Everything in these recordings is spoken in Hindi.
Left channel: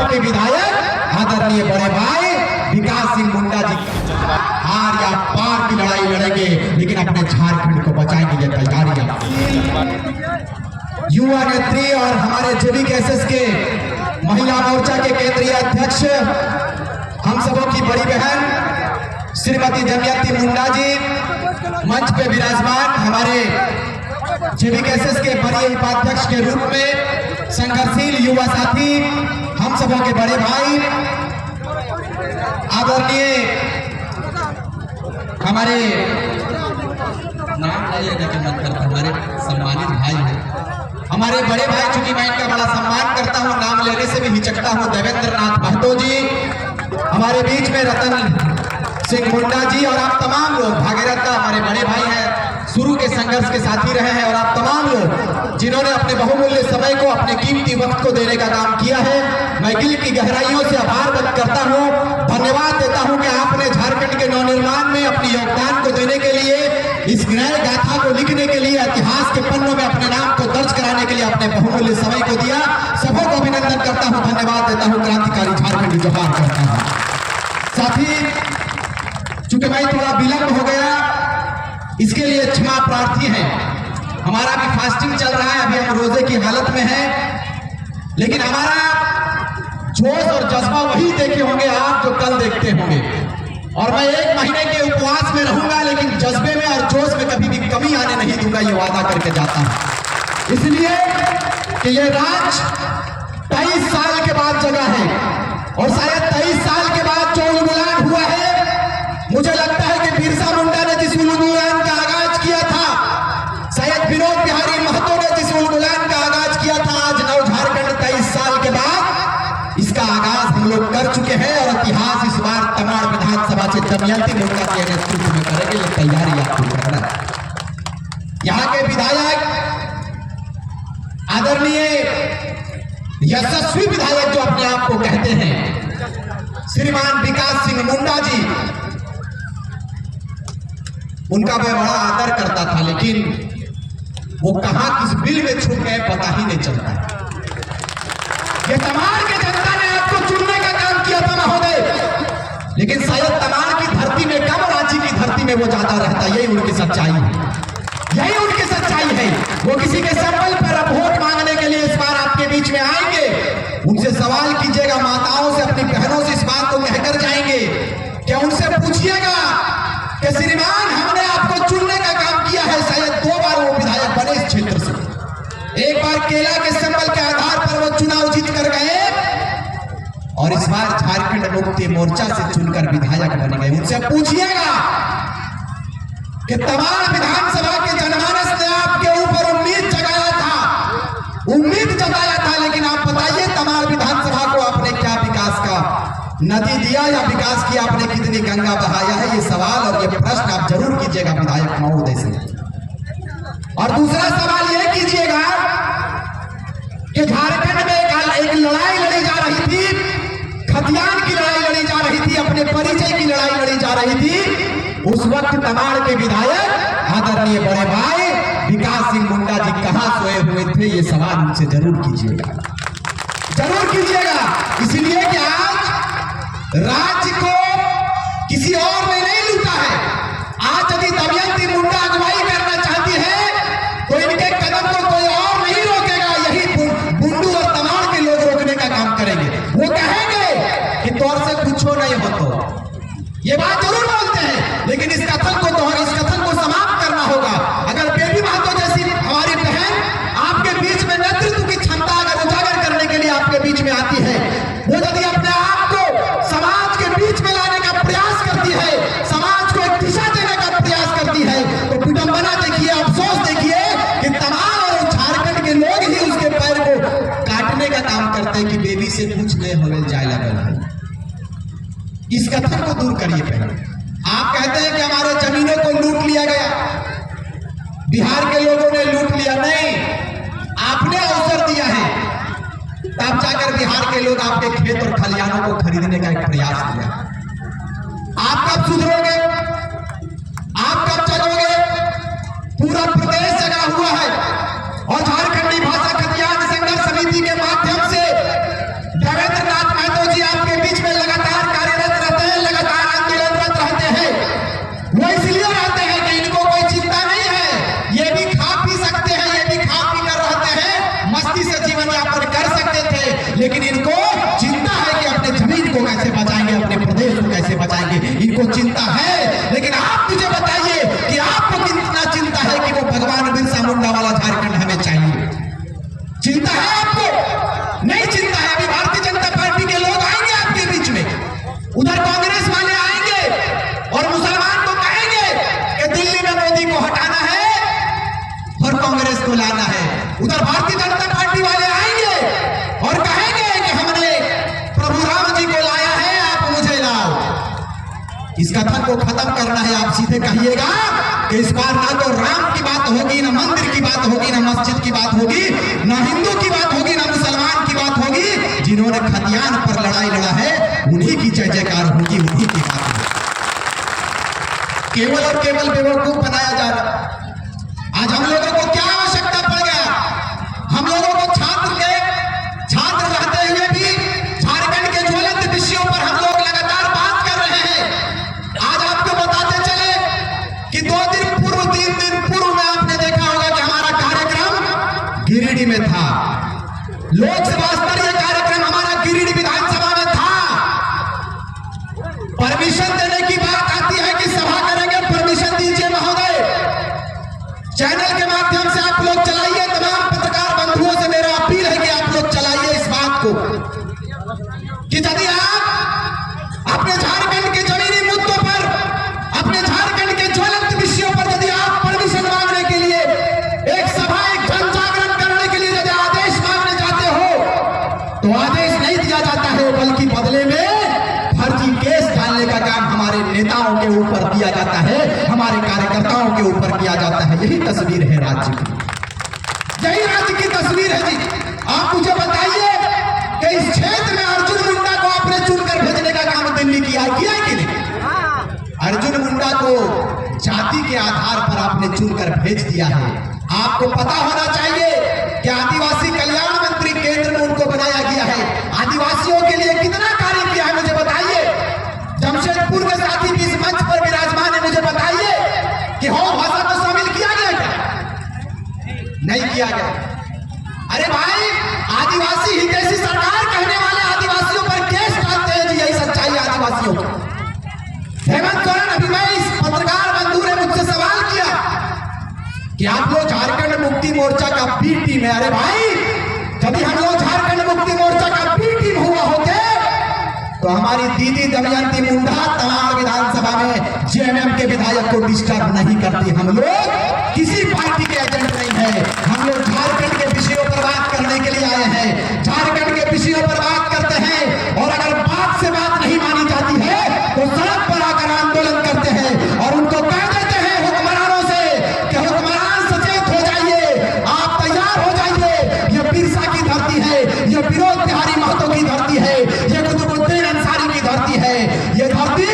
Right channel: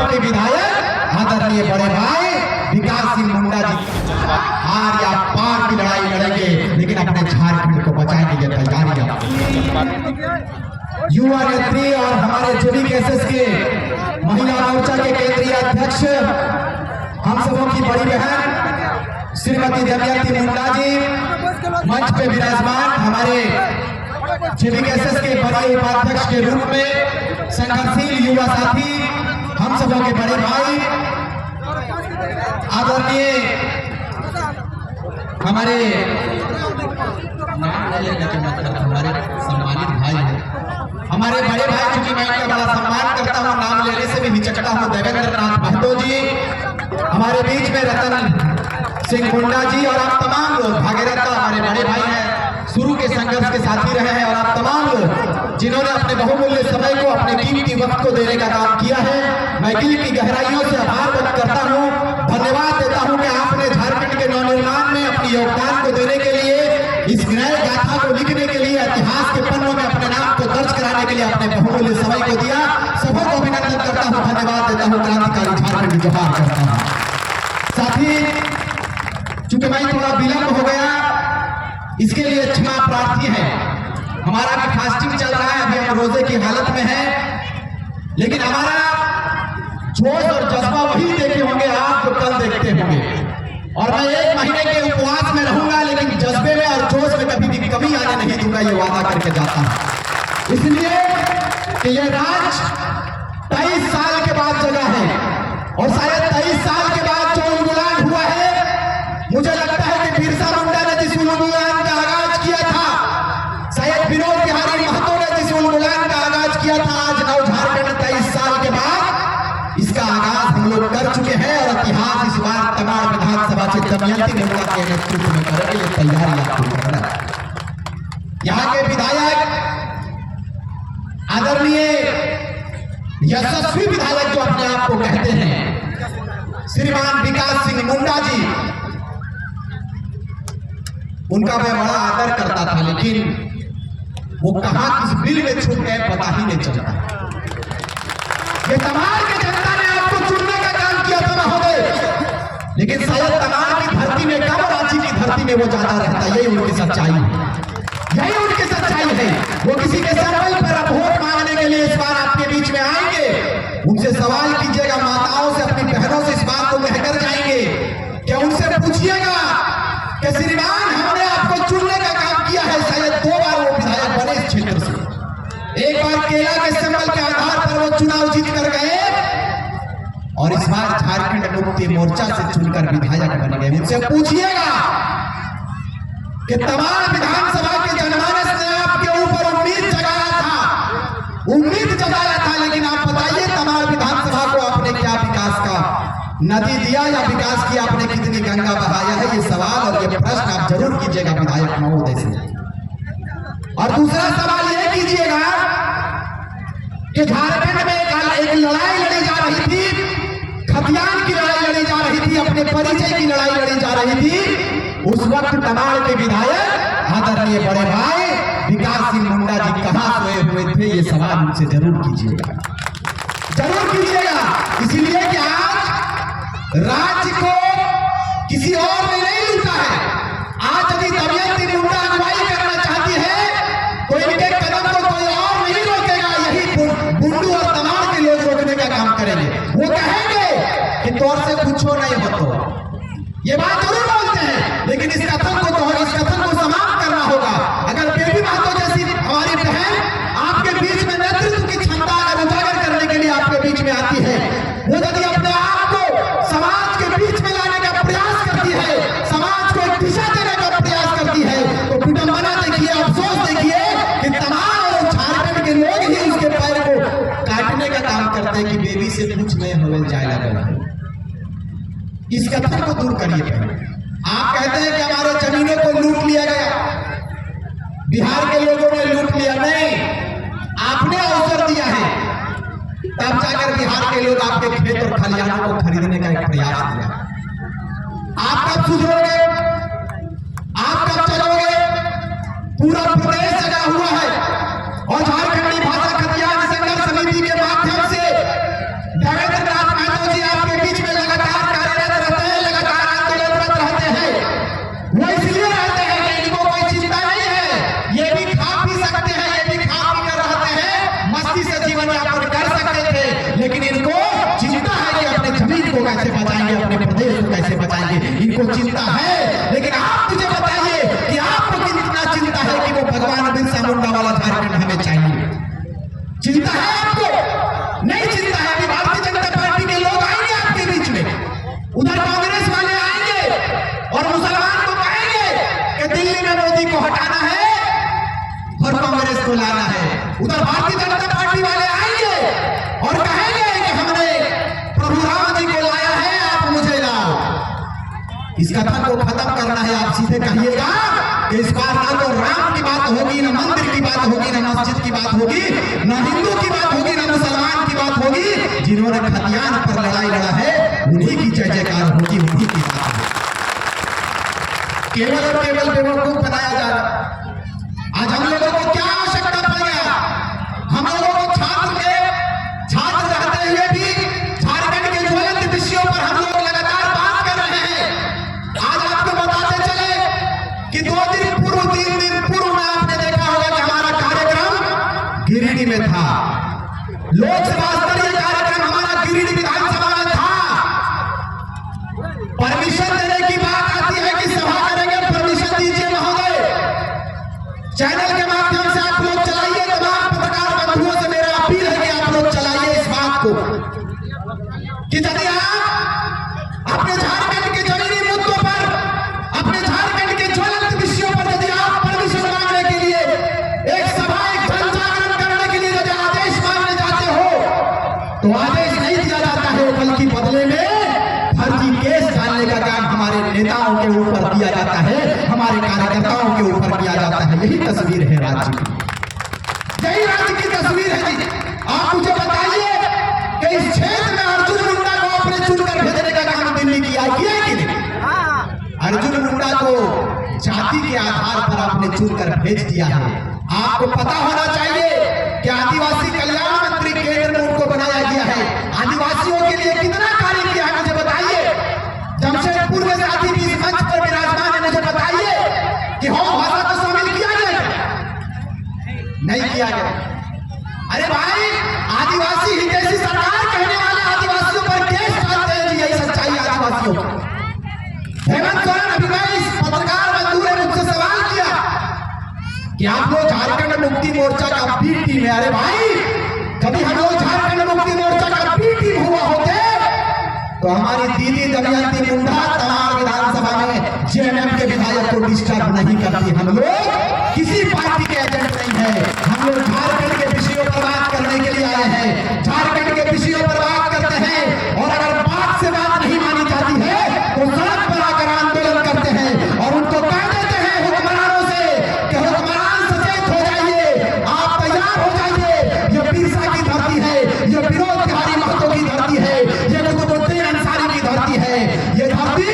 के विधायक आदरणीय बड़े भाई विकास सिंह मुंडा जी हार या पार की लड़ाई लड़ेंगे, लेकिन अपने झारखंड को बचाएंगे। ये तैयारी युवा नेत्री और हमारे जेबीकेएसएस के महिला मोर्चा के केंद्रीय अध्यक्ष हम सबों की बड़ी बहन श्रीमती दमयंती मुंडा जी मंच पे विराजमान, हमारे जेबीकेएसएस के बड़े उपाध्यक्ष के रूप में संघर्षशील युवा साथी हम सबों के बड़े भाई आदरणीय हमारे नाम हमारे सम्मानित भाई हैं, हमारे बड़े भाई, चूंकि मैं इनका बड़ा सम्मान करता हूं, नाम लेने से भी हिचकता हूं, देवेंद्र नाथ महतो जी हमारे बीच में, रतन सिंह मुंडा जी और आप तमाम लोग, भागीरथ हमारे बड़े भाई हैं, शुरू के संघर्ष के साथी रहे हैं, और आप तमाम लोग जिन्होंने अपने बहुमूल्य समय को, अपने कीमती वक्त को देने का काम किया है। मैं दिल की गहराइयों से आभार व्यक्त करता हूँ, धन्यवाद देता हूँ कि आपने झारखंड के नवनिर्माण में अपने योगदान को देने के लिए, इस नए गाथा को लिखने के लिए, इतिहास के पन्नों में अपने नाम को दर्ज कराने के लिए अपने बहुमूल्य समय को दिया। सबों को अभिनंदन करता हूँ, धन्यवाद देता हूँ, क्रांतिकारी झारखंड जोहार करता हूँ। साथी, चूंकि मैं थोड़ा विलंब हो गया, इसके लिए क्षमा प्रार्थी है। हमारा भी फास्टिंग चल रहा है, अभी हम रोजे की हालत में हैं, लेकिन हमारा जोश और जज्बा वही देखे होंगे आप जो कल देखते होंगे। और मैं 1 महीने के उपवास में रहूंगा, लेकिन जज्बे में और जोश में कभी भी कमी आने नहीं दूंगा, ये वादा करके जाता हूं। इसलिए कि ये राज 23 साल के बाद जगा है, और शायद 23 साल के बाद जो उन्मूलन हुआ है, मुझे लगता है कि बिरसा मुंडा ने जिस उन्मूलन का आगाज किया था, शायद विनोद बिहारी महतो ने जिस उन्मूलन का आगाज किया था, आज नव झारखंड 23 साल के बाद इसका आगाज हम लोग कर चुके हैं, और इतिहास इस बार तमाड़ विधानसभा से दमयंती मुंडा के नेतृत्व में करेंगे। ये तैयारी आपको करना है। यहाँ के विधायक आदरणीय यशस्वी विधायक जो अपने आप को कहते हैं, श्रीमान विकास सिंह मुंडा जी, उनका मैं बड़ा आदर करता था, लेकिन वो कहां किस बिल में छूट गए पता ही नहीं चलता। ये तमाड़ के जनता ने आपको चुनने का काम किया था महोदय, लेकिन शायद तमाड़ की धरती में कम, रांची की धरती में वो ज्यादा रहता। यही उनकी सच्चाई है, यही उनकी सच्चाई है। वो किसी के संबल पर वोट मांगने के लिए इस बार आपके बीच में आएंगे, उनसे सवाल कीजिएगा, माताओं से, अपनी बहनों से इस बात को कहकर जाएंगे, क्या उनसे पूछिएगा कि श्रीमान हमने आपको चुनने का काम किया है। शायद 2 बार वो विधायक बने इस क्षेत्र से, एक बार केला के संबल के आधार पर वो चुनाव जीत कर गए, और इस बार झारखंड मुक्ति मोर्चा से चुनकर विधायक बन गए। उनसे पूछिएगा कि तमाम विधानसभा के जनमानस ने आपके ऊपर उम्मीद जगाया था, लेकिन आप बताइए तमाम विधानसभा को आपने क्या विकास का नदी दिया, या विकास की आपने कितनी गंगा बहाया है? ये सवाल और ये प्रश्न आप जरूर कीजिएगा विधायक महोदय से। और दूसरा सवाल यह कीजिएगा कि झारखंड में एक लड़ाई लड़ी जा रही थी, खतियान की लड़ाई लड़ी जा रही थी, अपने परिचय की लड़ाई लड़ी जा रही थी। उस वक्त तमाड़ के विधायक आदरणीय बड़े भाई विकास सिंह मुंडा जी कहां सोए हुए थे? ये सवाल उनसे जरूर कीजिएगा, जरूर कीजिएगा। इसलिए कि आज राज्य को किसी और ने नहीं लूटा है। आज यदि दमयंती मुंडा अगुवाई करना चाहती है तो इनके कदम को कोई और नहीं रोकेगा, यही बुंडू और तमाड़ के लोग रोकने का काम करेंगे। वो कहेंगे कि तौर से कुछ हो नहीं हो, तो ये बात जरूर बोलते हैं, लेकिन इस कथन को समाप्त करना होगा। अगर बेबी महतो जैसी हमारी बहन आपके बीच में नेतृत्व की क्षमता अगर उजागर करने के लिए आपके बीच में आती है, वो यदि अपने आप को समाज के बीच में लाने का प्रयास करती है, समाज को एक दिशा देने का प्रयास करती है, तो विडंबना देखिए, अफसोस देखिए कि तमाम और झारखंड के लोग ही उसके पैर को काटने का काम करते हैं कि बेबी से कुछ नहीं होने जाए लगा है। इस कथन को दूर करिए पहले। आप कहते हैं कि हमारे जमीनों को लूट लिया गया, बिहार के लोगों ने लूट लिया। नहीं, आपने अवसर दिया है, तब जाकर बिहार के लोग आपके खेत और खलिहानों को खरीदने का एक प्रयास किया। आप कब सुधरोगे? आप कब चलोगे? पूरा प्रदेश जगा हुआ है, और झारखंडी भाषा खतियान संघर्ष समिति के माध्यम से देवेंद्र नाथ करना है आप सीधे कहिएगा कि इस बार ना तो राम की बात होगी, ना मंदिर की बात होगी, ना मस्जिद की बात होगी, ना हिंदू की बात होगी, ना मुसलमान की बात होगी। जिन्होंने खतियान पर लड़ाई लड़ा है उन्हीं की जय जयकार होगी, उन्हीं की बात होगी। केवल और केवल बेवकूफ बनाया जा रहा है। आज हम लोगों को क्या आवश्यकता पड़ गया? हम लोगों को छात्र रहते हुए भी झारखंड के ज्वलंत विषयों पर हम लोग लगातार बात कर रहे हैं। आज आपको बताते चले कि 2 दिन पूर्व 3 दिन पूर्व में आपने देखा होगा कि हमारा कार्यक्रम गिरिडीह में था। लोकसभा स्तरीय कार्यक्रम हमारा गिरिडीह विधानसभा में था। परमिशन देने की बात आती है कि सभा करेंगे, परमिशन दीजिए महोदय। चैनल के माध्यम से आप लोग चलाइए, तमाम पत्रकार बंधुओं से मेरा अपील है कि आप लोग चलाइए इस बात को कि यदि आप अपने झारखंड के जमीनी मुद्दों पर, अपने झारखंड के ज्वलंत विषयों पर यदि आप परमिशन मांगने के लिए एक सभा, एक जन जागरण करने के लिए यदि आदेश मांगने जाते हो तो आदेश नहीं दिया जाता है, बल्कि बदले में फर्जी केस डालने का काम हमारे नेताओं के ऊपर दिया जाता है, हमारे कार्यकर्ताओं के ऊपर किया जाता है। यही तस्वीर है राज्य की, यही राज्य की तस्वीर है जी। आप मुझे बताइए कि इस क्षेत्र में अर्जुन मुंडा को आपने चुनकर भेजने का काम दिल्ली किया कि नहीं? अर्जुन मुंडा को जाति के आधार पर आपने चुनकर भेज दिया है। आपको पता होना चाहिए कि आदिवासी कल्याण मंत्री केंद्र में उनको बनाया गया है। आदिवासियों के लिए कितना कार्य किया है मुझे बताइए। जमशेदपुर के साथी भी इस मंच पर विराजमान है, मुझे बताइए कि हो भाषा को शामिल किया गया क्या? नहीं किया गया। अरे भाई, आदिवासी हितैषी सरकार कहने वाले आदिवासियों पर केस डालते हैं जी, यही सच्चाई आदिवासियों की। हेमंत सोरेन, अभी मैं इस पत्रकार बंधु ने मुझसे सवाल किया कि आप लोग झारखंड मुक्ति मोर्चा का बी टीम है। अरे भाई, कभी हम लोग झारखंड मुक्ति मोर्चा का बी टीम हुआ होते तो हमारी दीदी दमयंती मुंडा तमाम विधानसभा में जेएमएम के विधायक को डिस्टर्ब नहीं करती। हम लोग किसी पार्टी के एजेंट नहीं है, हम लोग झारखंड के विषयों पर बात करने के लिए आए हैं, झारखंड के विषयों पर बात करते हैं। और अगर बात से बात नहीं मानी जाती है तो सड़क पर आकर आंदोलन करते हैं और उनको कह देते हैं हुक्मरानों से कि हुक्मरान सचेत हो जाइए, आप तैयार हो जाइए। ये बिरसा की धरती है, ये विनोद बिहारी महतो की धरती है, ये कुतुबुद्दीन अंसारी की धरती है, ये धरती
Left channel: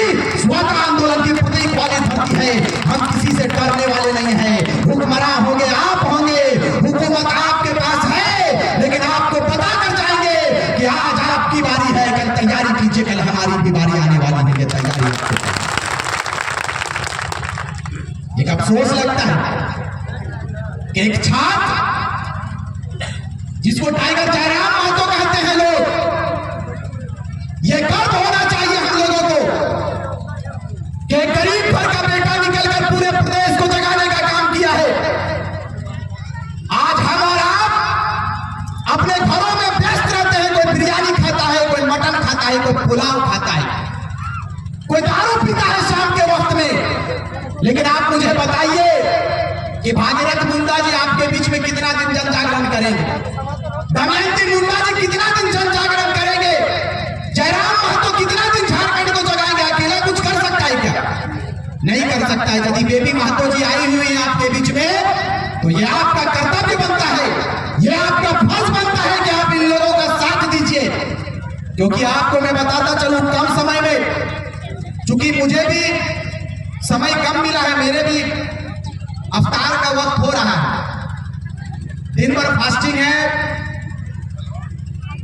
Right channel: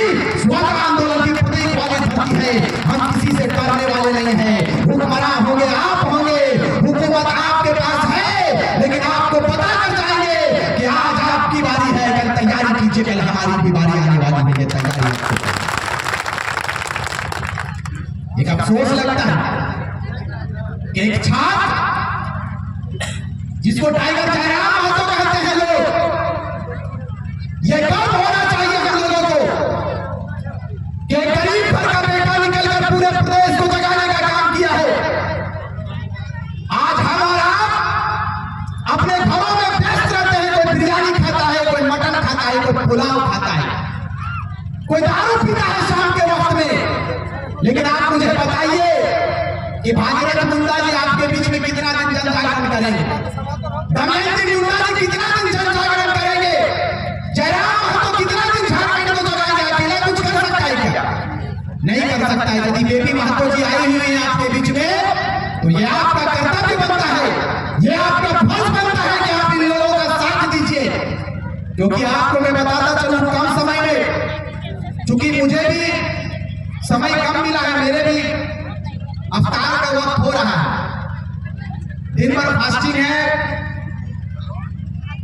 स्वतंत्र आंदोलन की प्रतीक वाली धरती है। हम किसी से डरने वाले नहीं हैं। हुक्मरान होंगे, आप होंगे, हुकूमत आपके पास है, लेकिन आपको पता कर जाएंगे कि आज आपकी बारी है, कल तैयारी कीजिए, कल हमारी भी बारी आने वाली है। ये तैयारी एक अफसोस लगता है कि एक छात्र जिसको टाइगर जयराम महतो कहते हैं लोग, ये गर्व होना चाहिए हम लोगों को कि गरीब घर का बेटा निकलकर पूरे प्रदेश को जगाने का काम किया है। आज हम और आप अपने घरों में व्यस्त रहते हैं, कोई बिरयानी खाता है, कोई मटन खाता है, कोई पुलाव खाता है, कोई दारू पीता है शाम के वक्त में। लेकिन आप मुझे बताइए कि भागीरथ मुंडा जी आपके बीच में कितना दिन जन जागरण करेंगे? दमयंती मुंडा जी कितना दिन जन जागरण करेंगे? जयराम महतो कितना दिन झारखंड को जगाएंगे? अकेला कुछ कर सकता है क्या? नहीं कर सकता है। यदि बेबी महतो जी आई हुई है आपके बीच में तो ये आपका कर्तव्य बनता है, ये आपका फर्ज बनता है कि आप इन लोगों का साथ दीजिए। क्योंकि आपको मैं बताता चलूं, कम समय में, चूंकि मुझे भी समय कम मिला है, मेरे भी अवतार का वक्त हो रहा है, दिन भर फास्टिंग है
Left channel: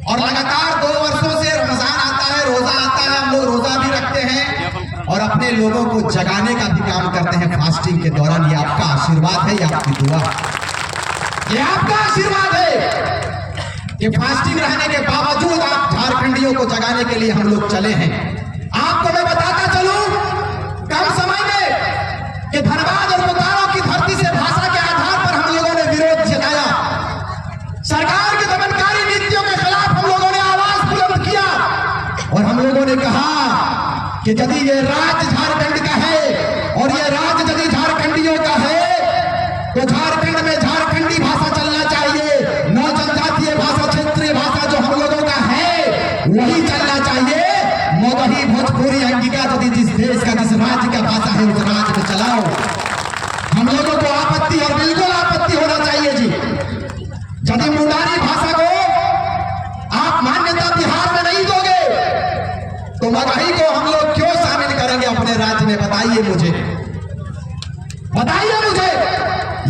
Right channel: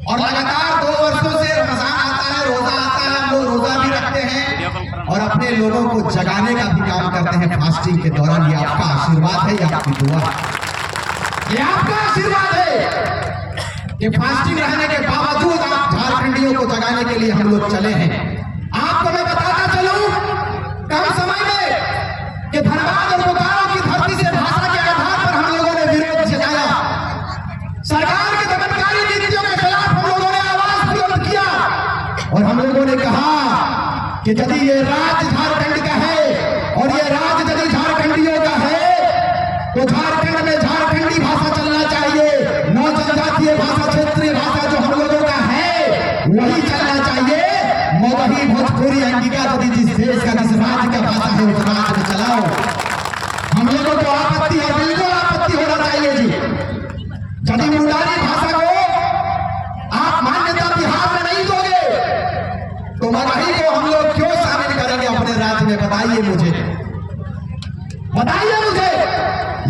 और लगातार 2 वर्षों से रमजान आता है, रोजा आता है, हम लोग रोजा भी रखते हैं और अपने लोगों को जगाने का भी काम करते हैं फास्टिंग के दौरान। ये आपका आशीर्वाद है, ये आपकी दुआ है, ये आपका आशीर्वाद है कि फास्टिंग रहने के बावजूद आप झारखंडियों को जगाने के लिए हम लोग चले हैं। आपको मैं बताता चलूं, कम समय में कि धनबाद और बोकारो की धरती से भाषा के आधार पर हम लोगों ने विरोध जताया, सरकार के दमनकारी नीतियों के खिलाफ हम लोगों ने आवाज बुलंद किया और हम लोगों ने कहा कि यदि ये राज्य झारखंड का है और ये राज्य यदि झारखंडियों का है तो झारखंड में झारखंडी भाषा चलना चाहिए, नौ जनजातीय भाषा, क्षेत्रीय भाषा जो हम लोगों का है वही चलना चाहिए। मगही, भोजपुरी, अंगिका यदि जिस देश का, जिस राज्य का भाषा है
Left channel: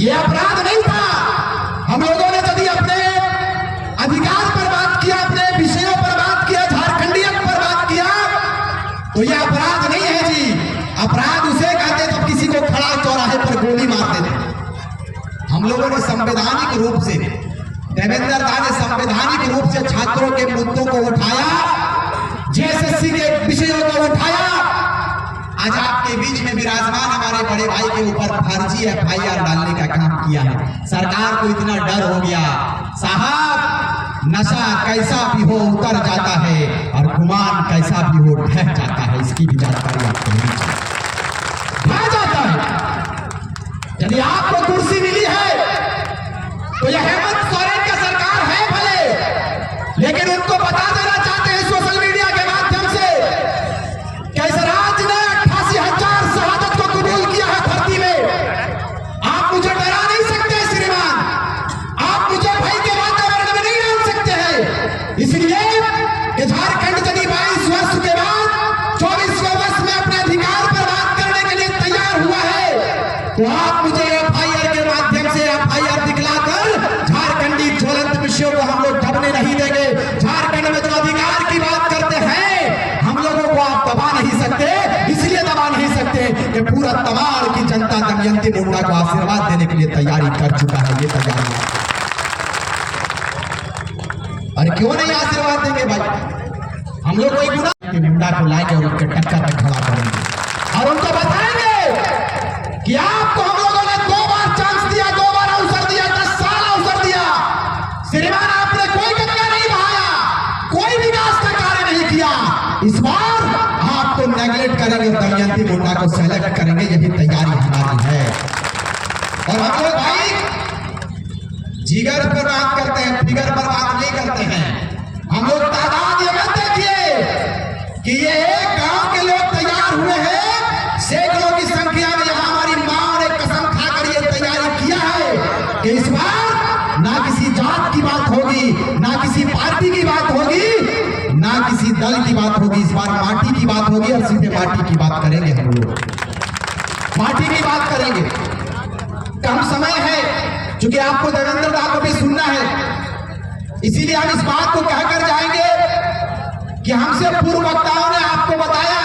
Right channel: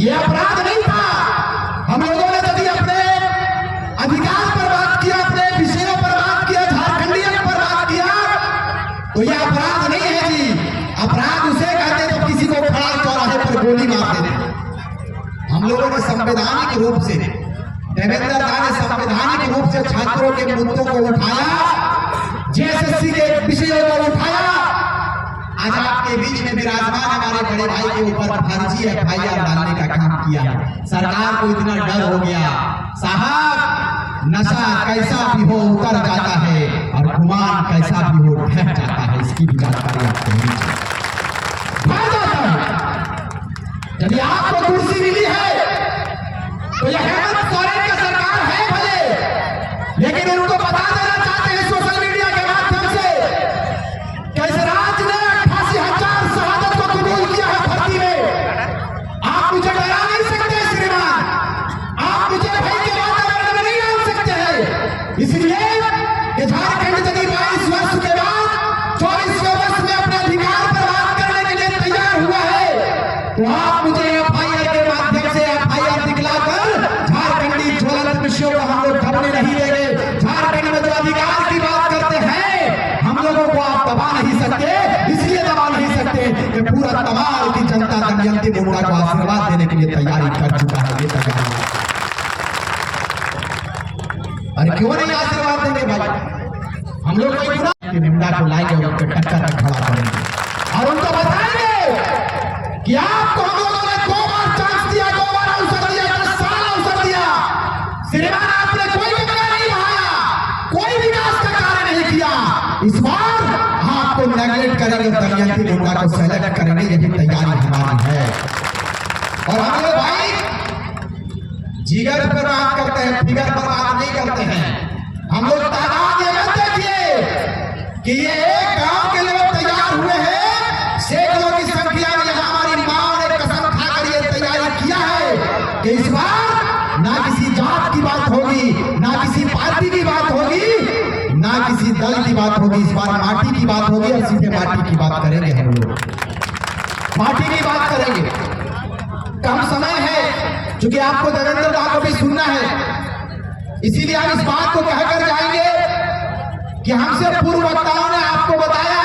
ये अपराध नहीं था। हम लोगों ने यदि अपने अधिकार पर बात किया, अपने विषयों पर बात किया, झारखंडियत पर बात किया, तो यह अपराध नहीं है जी। अपराध उसे कहते जब किसी को खड़ा चौराहे पर गोली मार देते। हम लोगों ने संवैधानिक रूप से, देवेंद्र दा ने संवैधानिक रूप से छात्रों के मुद्दों को उठाया, जेएसएससी के विषयों को उठाया। आज आपके बीच में विराजमान हमारे बड़े भाई के ऊपर फर्जी एफआईआर डालने का काम किया है। सरकार को इतना डर हो गया, साहब नशा कैसा भी हो उतर जाता है और गुमान कैसा भी हो ढह जाता है। इसकी भी जानकारी आपको होनी चाहिए। ढह जाता है। यदि आपको कुर्सी मिली है तो यह हेमंत सोरेन की सरकार है भले, लेकिन उनको बता देना चाहते हैं सोशल मीडिया के माध्यम से कि इस राज्य ने 88,000 शहादत को कबूल किया है भर्ती में। आप मुझे डरा नहीं सकते श्रीमान, आप मुझे भय के वातावरण में नहीं डाल सकते हैं। इसलिए झारखंड यदि 22 वर्ष के बाद 24वें वर्ष में अपने अधिकार पर बात करने के लिए तैयार हुआ है, तो आप मुझे एफआईआर के माध्यम से एफआईआर दिखलाकर झारखंडी ज्वलंत विषयों को हम लोग दबने नहीं देंगे। झारखंड में जो अधिकार की बात करते हैं, हम लोगों को आप दबा नहीं सकते। इसलिए दबा नहीं सकते कि पूरा तमाम की जनता दमयंती मुंडा को आशीर्वाद देने के लिए तैयारी कर चुका है। ये तैयारी, अरे क्यों नहीं आशीर्वाद देंगे भाई? हम लोग कोई गुना कि मुंडा को लाएंगे और उनके टक्कर में खड़ा करेंगे और उनको बताएंगे कि आपको हम लोगों ने 2 बार चांस दिया, 2 बार अवसर दिया, 10 साल अवसर दिया। श्रीमान आपने कोई गंगा नहीं बहाया, कोई विकास का कार्य नहीं किया। इस बार आपको नेगलेक्ट करेंगे, दमयंती मुंडा को सेलेक्ट करेंगे। यही तैयारी हमारी है। और हम लोग भाई जिगर पर बात करते हैं, फिगर पर बात नहीं करते हैं। हम लोग तादाद ये मत देखिए कि ये एक गांव के लोग तैयार हुए हैं, सैकड़ों की संख्या में। यहाँ हमारी मां ने कसम खाकर ये तैयारी किया है कि इस बार ना किसी जात की बात होगी, ना किसी पार्टी की बात होगी, ना किसी दल की बात होगी। इस बार माटी की बात होगी और सीधे माटी की बात करेंगे। हम लोग माटी की बात करेंगे। कम समय है, क्योंकि आपको देवेंद्र दा को भी सुनना है, इसीलिए हम इस बात को कहकर जाएंगे कि हमसे पूर्व वक्ताओं ने आपको बताया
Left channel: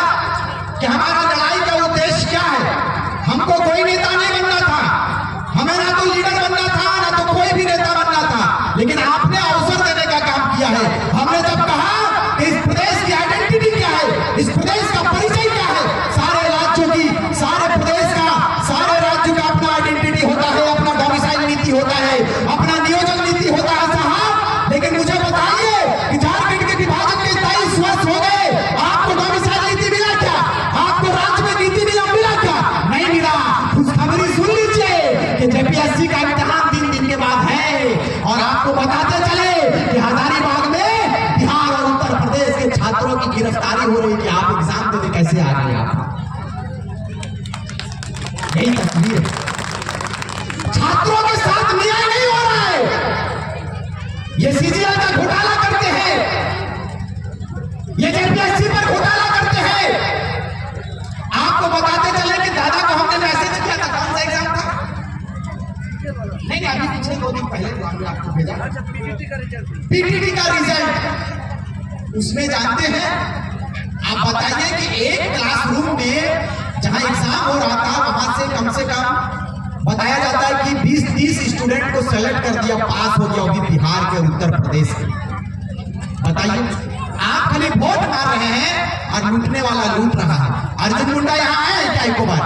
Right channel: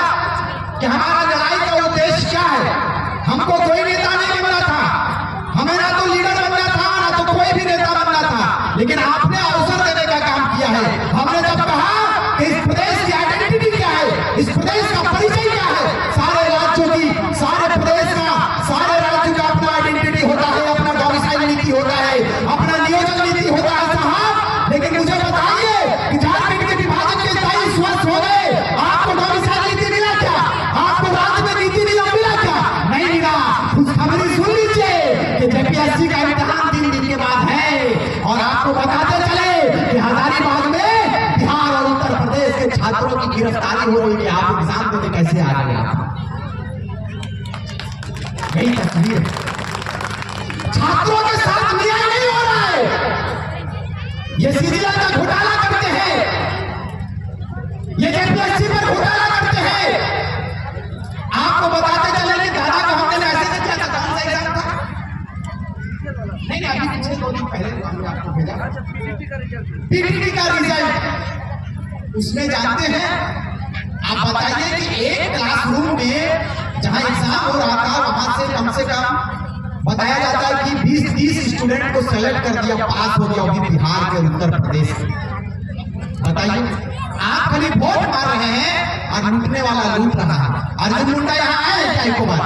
कि हमारा लड़ाई का उद्देश्य क्या है। हमको कोई नेता नहीं बनना था, हमें ना तो लीडर बनना था, ना तो कोई भी नेता बनना था, लेकिन आपने अवसर देने का काम किया है। हमने जब कहा कि इस प्रदेश की आइडेंटिटी क्या है, इस प्रदेश का परिचय क्या है, सारे राज्यों की, सारे प्रदेश का, सारे राज्यों का अपना आइडेंटिटी होता है, अपना डोमिसाइल नीति होता है, अपना नियोजन नीति होता है साहब। लेकिन मुझे बताइए कि झारखंड के विभाजन के 23 वर्ष हो गए, आपको डोमिसाइल नीति मिला क्या? आपको राज्य में नीति नियम मिला क्या? नहीं मिला। खुशखबरी सुन लीजिए कि जेपीएससी का इम्तिहान 3 दिन के बाद है। और आपको बताते चले कि हजारीबाग में बिहार और उत्तर प्रदेश के छात्रों की गिरफ्तारी हो रही कि आप एग्जाम देने कैसे आ गए। आप यही तस्वीर, छात्रों के साथ न्याय नहीं हो रहा है। ये सीजीएल का घोटाला करते हैं, ये जेपीएससी पर घोटाला करते हैं। आपको बताते चले कि दादा को हमने मैसेज किया था, कौन सा एग्जाम था? नहीं, अभी पिछले 2 दिन पहले हमने आपको भेजा पीटीटी का रिजल्ट। उसमें जानते हैं, आप बताइए कि एक क्लासरूम में जहां एग्जाम हो रहा था, वहां से कम बताया जाता है कि 20-30 स्टूडेंट को सेलेक्ट कर दिया, पास हो गया, वो भी बिहार के और उत्तर प्रदेश के। बताइए, आप खाली वोट मार रहे हैं और लूटने वाला लूट रहा है। अर्जुन मुंडा यहाँ आए क्या एक बार?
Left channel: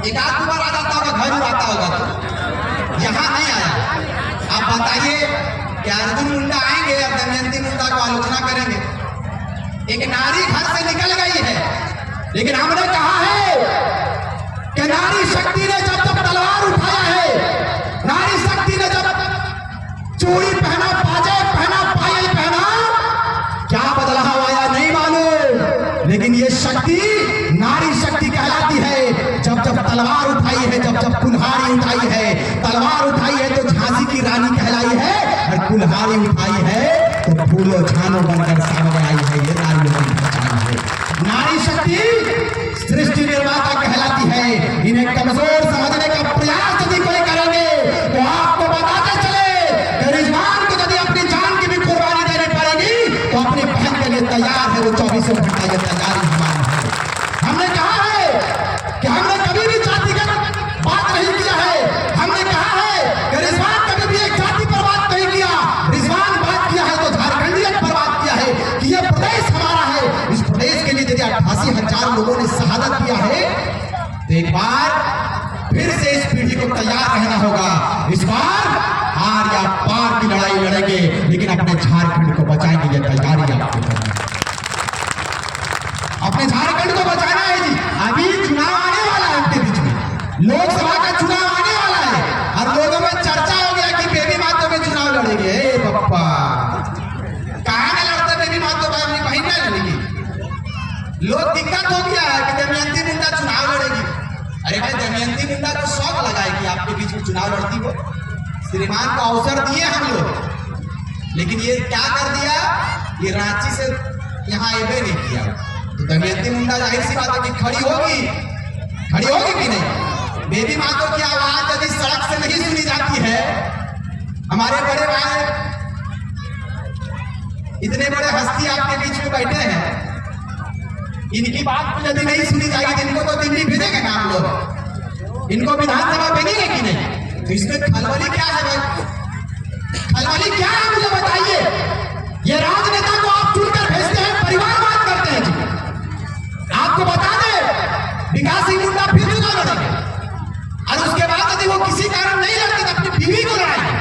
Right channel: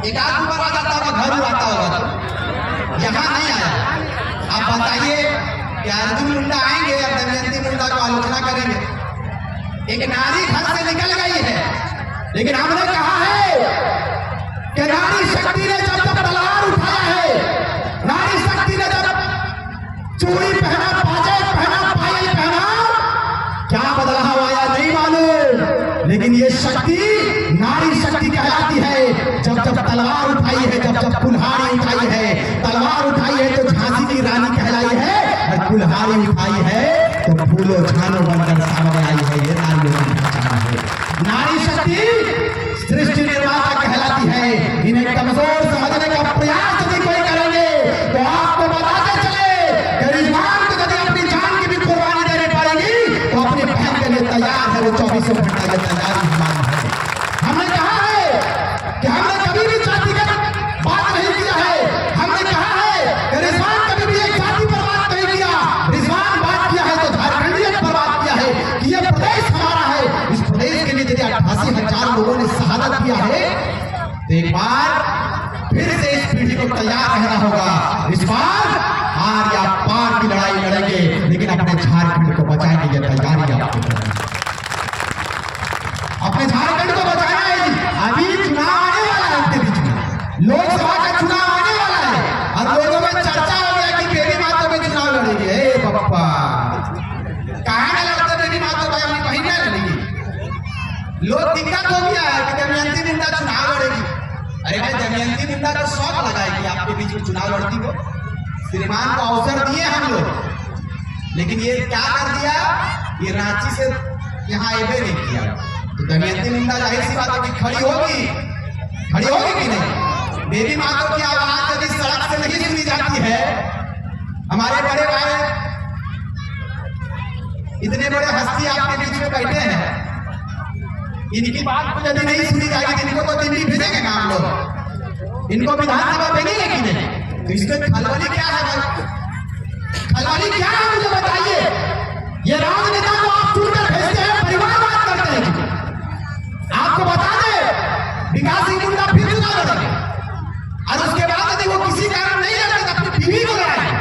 एक आध बार आ जाता होगा, घर उड़ाता होगा, तो यहाँ नहीं आया। आप बताइए कि अर्जुन मुंडा आएंगे और दमयंती मुंडा को आलोचना करेंगे। एक नारी घर से निकल गई है, लेकिन हमने कहा है कि नारी शक्ति ने जब तक तलवार उठाया है, नारी शक्ति ने जब चूड़ी पहना, पाजे पहना, पायल पहना, क्या बदलाव आया नहीं मालूम, लेकिन ये शक्ति नारी शक्ति कहलाती है जब तलवार उठाई है, जब कुल्हाड़ी उठाई है। तलवार उठाई है तो झांसी की रानी कहलाई है, और कुल्हाड़ी उठाई है तो फूलो झानो बनकर सामने आई है। ये नारियों की पहचान है। नारी शक्ति सृष्टि निर्माता कहलाती है, बार फिर से इस पीढ़ी को तैयार रहना होगा। इस बार हार या पार की लड़ाई लड़ेंगे, लेकिन अपने झारखंड को बचाएंगे। ये तैयारी आपको करनी है, अपने झारखंड को बचाना है जी। अभी चुनाव आने वाला है, आपके बीच में लोकसभा का चुनाव आने वाला है और लोगों में चर्चा हो गया कि बेबी मातो में चुनाव लड़ेंगे। ए बप्पा, कहां में लड़ते बेबी मातो भाई, अपनी बहन में लड़ेगी। लोग दिक्कत हो गया है कि दमयंती मुंडा चुनाव लड़ेगी। अरे भाई, दमयंती मुंडा को शौक लगा है कि आपके बीच में चुनाव लड़ती हो। श्रीमान को अवसर दिए हम लोग, लेकिन ये क्या कर दिया, ये रांची से यहाँ एबे नहीं किया। तो दमयंती मुंडा जाहिर सी बात है कि खड़ी होगी कि नहीं। बेबी मातो की आवाज यदि सड़क से नहीं सुनी जाती है, हमारे बड़े भाई इतने बड़े हस्ती आपके बीच में बैठे हैं, इनकी बात तो यदि नहीं सुनी जाएगी, इनको तो दिल्ली भेजेंगे ना हम लोग, इनको विधानसभा भेजेंगे कि नहीं। तो इसमें खलबली क्या है भाई, खलबली क्या है मुझे बताइए। ये राजनेता को आप चुनकर भेजते हैं, परिवारवाद करते हैं जी। आपको बता दें, विकास सिंह मुंडा फिर चुनाव लड़ेंगे और उसके बाद यदि वो किसी कारण नहीं लड़ते तो अपनी बीवी को लड़ाएंगे।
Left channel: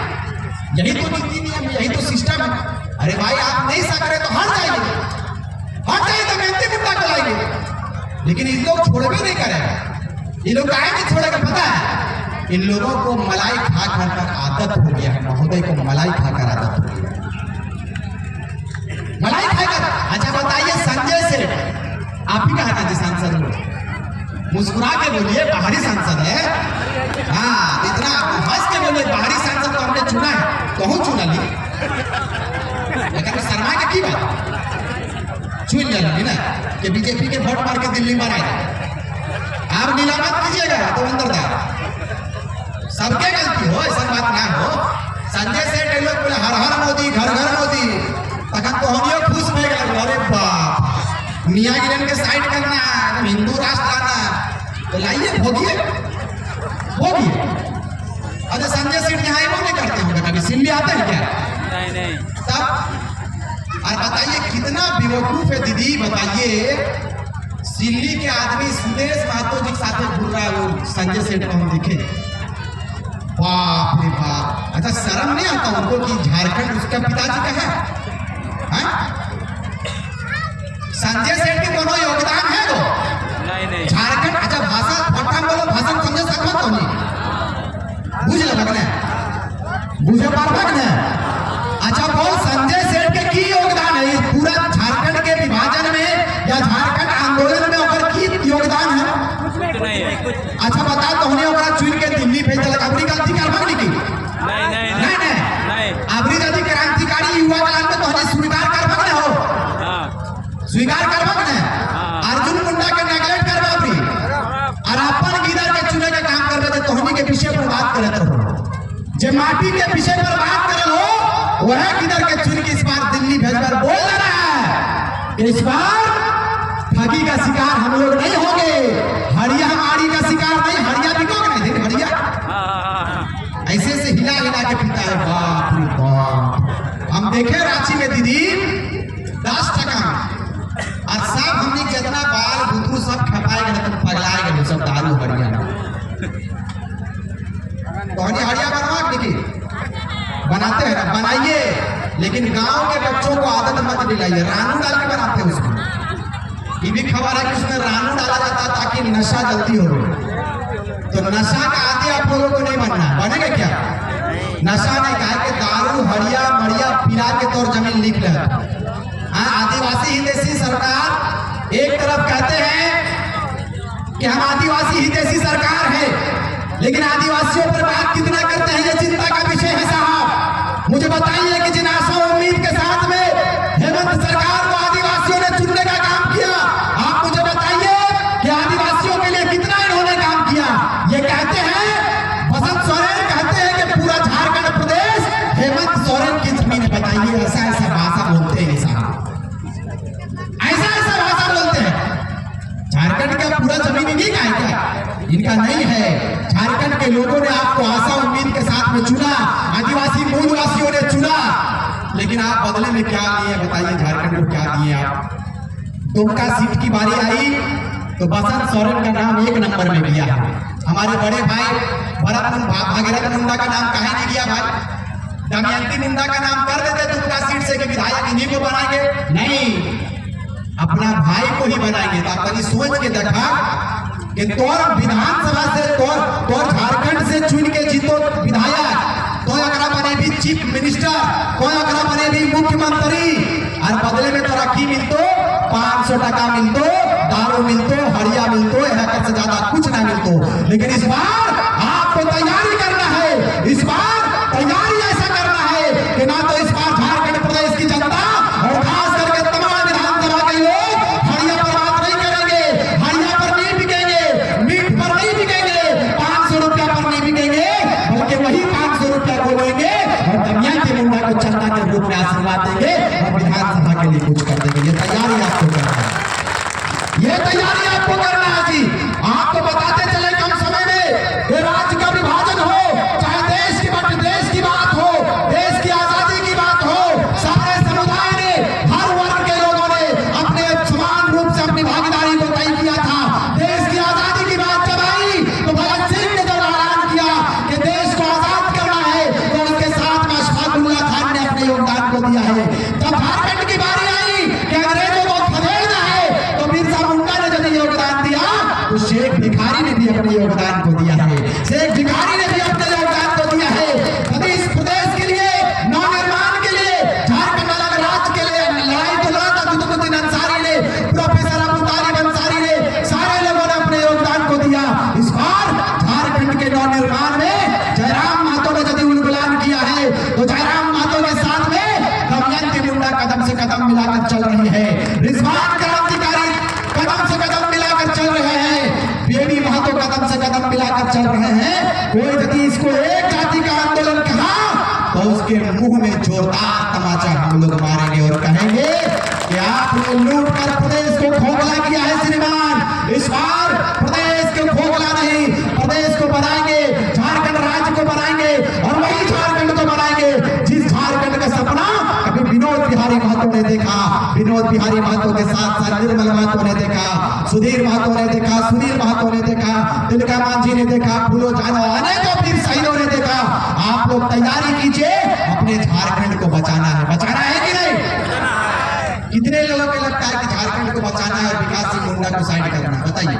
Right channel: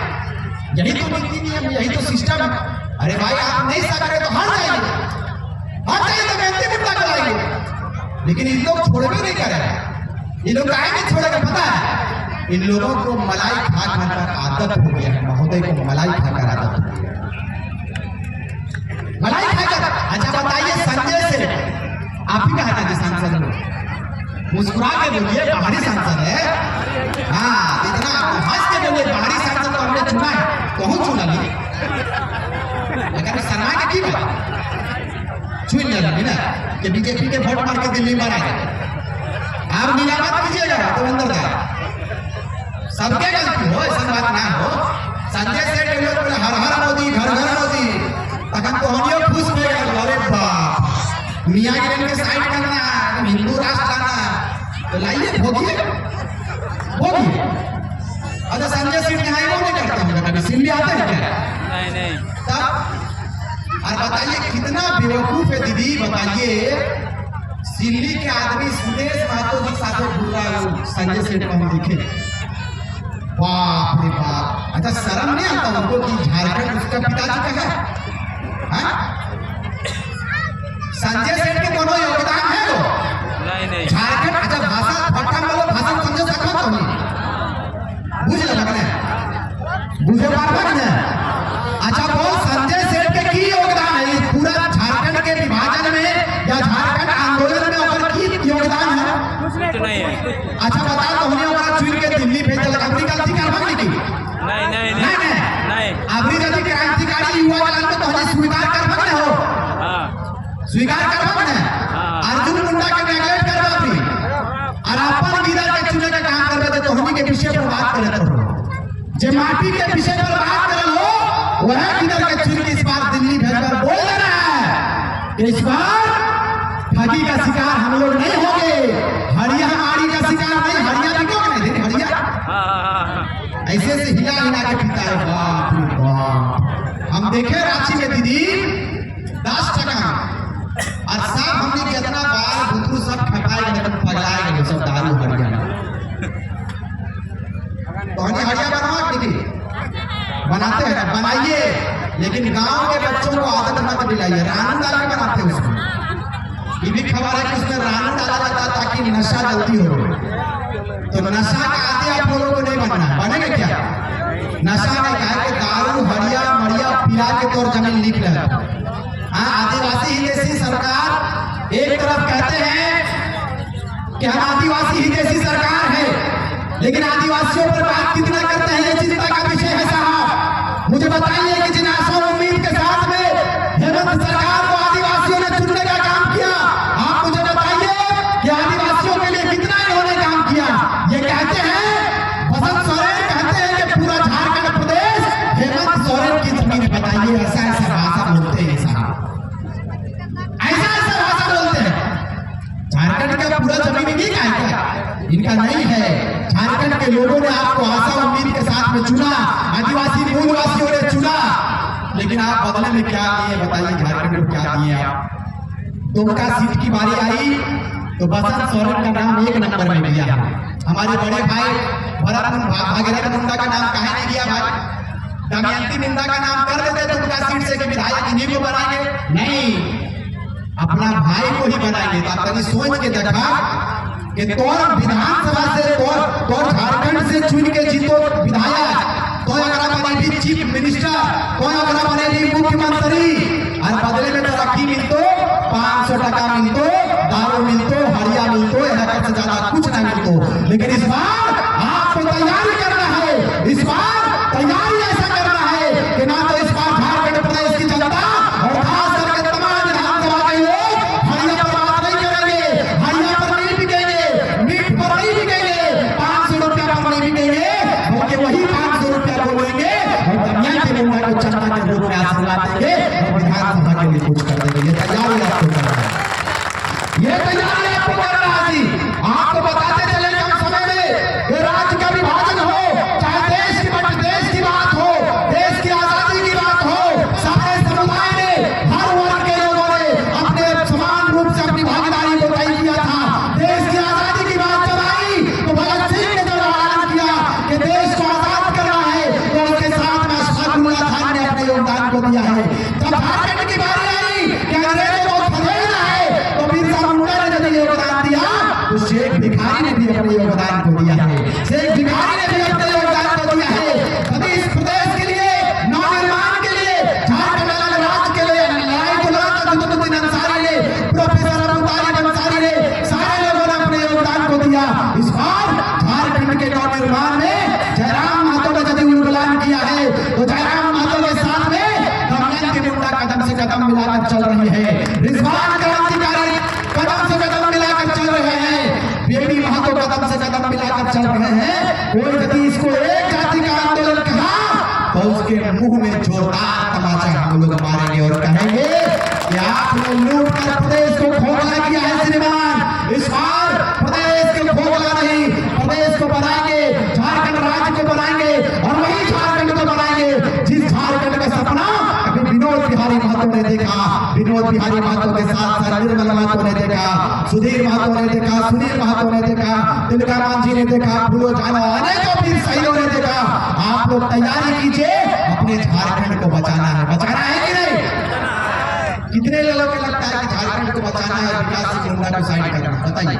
यही तो नीति नियम, यही तो सिस्टम है। अरे भाई, आप नहीं सकते तो हट जाएंगे दमयंती मुंडा को लाएंगे, लेकिन इन लोग छोड़बे नहीं करेगा। ये लोग काहे नहीं छोड़ेगा पता है, इन लोगों को मलाई खा खाकर आदत हो गया है। महोदय को मलाई खाकर आदत हो गई, मलाई खाकर। अच्छा बताइए, संजय सेठ आप ही कहा था सांसद लोग, मुस्कुरा के बोलिए बाहरी सांसद है। हाँ, इतना हंस के बोलिए बाहरी सांसद को हमने चुना है, तो हम चुना ली, लेकिन शर्मा के की बात चुन लेना ना कि बीजेपी के वोट मार के दिल्ली में आएगा। आप नीला मत कीजिएगा तो अंदर दा, सबके गलती हो, ऐसा बात ना हो। संजय सेठ लोग बोले हर हर मोदी, घर घर मोदी, तखन तो हनियो खुश हो गए। अरे बाप, मियाँ गिरन के साइड करना है, हिंदू राष्ट्र लाना, तो लाइए भोगिए। अच्छा, संजय सेठ यहाँ वो नहीं करते होंगे, कभी सिल्ली आते हैं क्या? नहीं। तब और बताइए कितना बेवकूफ है दीदी, बताइए। सिल्ली के आदमी सुदेश महतो जी के साथ घूम रहा है वो संजय सेठ को हम देखे, बाप रे बाप। अच्छा, शर्म नहीं आता उनको कि झारखंड उसका पिताजी का है? संजय सेठ के कोनो योगदान है वो? नहीं। झारखंड, अच्छा भाषा फटा बोलो, भाषण समझे सकते हो नहीं, बुझ लगना बुझे पार ना। अच्छा बोल, संजय सेठ के की योगदान है इस पूरा झारखंड के विभाजन में या झारखंड आंदोलन में, ओकर की योगदान है? कुछ नहीं है। अच्छा बता, तो हमने ओकरा चुन के दिल्ली भेज दिया, अपनी गलती करबा नहीं की? नहीं। अबरी यदि क्रांतिकारी युवा के नाम पे तो हमें स्वीकार करबा ना हो, स्वीकार करबा ना। अर्जुन मुंडा के नेगलेक्ट करबा भी और अपन गिरा के चुने का काम करबे तो हमनी के विषय पर बात करत हो। जे माटी के विषय पर बात करल हो, वह किधर के चुन के इस बार दिल्ली भेजकर बोल देना है इस बार ठगी का शिकार हम लोग नहीं होंगे, हड़िया माड़ी का शिकार नहीं। हड़िया बिकोगे नहीं, हड़िया ऐसे से हिला के पीता है। बाप रे बाप, हम देखे रांची में दीदी 10 टका और सब हमने जितना बाल बुतरू सब खपाए गए, तो पगलाए गए सब दारू हड़िया। तो हड़िया बनवा दीदी, बनाते हैं ना, बनाइए, लेकिन गांव के बच्चों को आदत मत दिलाइए। रानू डाल के बनाते हैं उसको। ये भी खबर है कि उसमें रानू डाला जाता है ताकि नशा जल्दी हो। तो नशा का आदि आप लोगों को नहीं बनना, बनेगा क्या? नशा नहीं, कहा कि दारू हड़िया मड़िया पिला के तौर जमीन लिख रहे। हाँ, आदिवासी हितैषी सरकार एक तरफ कहते हैं कि हम आदिवासी हितैषी सरकार है, लेकिन आदिवासियों पर बात कितना करते हैं ये चिंता का विषय है साहब। मुझे बताइए कि जिन आशा उम्मीद के साथ में हेमंत सरकार को आदिवासियों ने चुनने का काम किया, आप मुझे बताइए कि आदिवासियों के लिए कितना इन्होंने काम किया। ये कहते हैं, बसंत सोरेन कहते हैं कि पूरा झारखंड प्रदेश हेमंत सोरेन की जमीन है। बताइए, ऐसा भाषा बोलते हैं साहब, ऐसा भाषा बोलते हैं। झारखंड का पूरा जमीन नहीं का है क्या? इनका नहीं है। झारखंड के लोगों ने आपको आशा उम्मीद के साथ में चुना, आदिवासी मूलवासियों ने चुना, लेकिन आप बदले में क्या लिए बताइए? झारखंड को क्या दिए आप? दुमका सीट की बारी आई, तो बसंत सोरेन का नाम 1 नंबर में किया है। हमारे बड़े भाई भागीरथ मुंडा का नाम काहे नहीं किया भाई? दमयंती मुंडा का नाम कर देते दुबला सीट से कि विधायक इन्हीं को बनाएंगे, नहीं, अपना भाई को ही बनाएंगे। तो आप कभी सोच के देखा कि तोर विधानसभा से तोर झारखंड से चुन के जीतो विधायक, तो अगर बने भी चीफ मिनिस्टर, तो अगर बने भी मुख्यमंत्री, और बदले में तोरा की मिलतो 500 टका मिलतो, दारू मिलतो, हरिया मिलतो, एक से ज्यादा कुछ ना मिलतो। लेकिन इस बार आपको तैयारी करना है, इस बार तैयारी ऐसा करना है कि ना तो इस बार झारखंड प्रदेश की जनता और खास करके तमाम विधानसभा के लोग हरिया पर बात नहीं करेंगे, हरिया पर नहीं बिकेंगे, मीट पर नहीं बिकेंगे, 500 रुपया पर नहीं बिकेंगे, बल्कि वही 500 रुपया को लेंगे और दमयंती मुंडा को चंदा के रूप में आशीर्वाद देंगे और विधानसभा के लिए कुछ कर देंगे। ये तैयारी आपको करना है, ये तैयारी आपको करना है जी। आपको बताते चले कम समय में ये राज्य का विभाजन हो, चाहे देश की बात हो, देश की आजादी की बात हो, सारे समुदाय ने, हर वर्ग के लोगों ने अपने समान रूप से अपनी भागीदारी को तय किया था। देश की आजादी की बात जब आई तो भगत सिंह ने जब ऐलान किया कि देश को आजाद करना है, तो उनके साथ में अशफाकुल्लाह खान ने अपने योगदान को दिया है। तब झारखंड की बारी आई कि अंग्रेजों को खदेड़ना है, तो बिरसा मुंडा ने यदि योगदान दिया तो शेख भिखारी ने भी अपने योगदान को दिया है, शेख भिखारी ने भी अपने योगदान को दिया है। अभी इस प्रदेश के लिए, नवनिर्माण के लिए, झारखंड अलग राज्य के लिए लड़ाई तो लड़ा था कुतुबुद्दीन अंसारी ने, प्रोफेसर अब्दुल तारिक अंसारी ने, सारे लोगों ने अपने योगदान को दिया। इस बार झारखंड के नवनिर्माण में जयराम महतो ने यदि उन्मूलन किया है, तो जयराम महतो के साथ में दमयंती मुंडा कदम से कदम मिलाकर चल रही है, रिजवान क्रांतिकारी कदम से कदम मिलाकर चल रहे हैं, बेबी महतो कदम से कदम मिलाकर चल रहे हैं। कोई यदि इसको एक जाति का आंदोलन कहा तो उसके मुंह में जोरदार तमाचा हम लोग मारेंगे और कहेंगे कि आपने लूट कर प्रदेश को खोखला किया है श्रीमान। इस बार प्रदेश को खोखला नहीं, प्रदेश को बनाएंगे, झारखंड राज्य को बनाएंगे और वही झारखंड को बनाएंगे जिस झारखंड का सपना अभी विनोद बिहारी महतो ने देखा, विनोद बिहारी महतो के साथ साथ निर्मल महतो ने देखा, सुधीर महतो ने देखा, सुनील महतो ने देखा, तिलका मांझी ने देखा, फूलो जानो, अनेकों वीर शहीदों ने देखा। आप लोग तैयारी कीजिए, अपने झारखंड को बचाना है, बचाना है कि नहीं? कितने लोगों को लगता है कि झारखंड को बचाना है और विकास सिंह मुंडा को साइड करना, बताइए।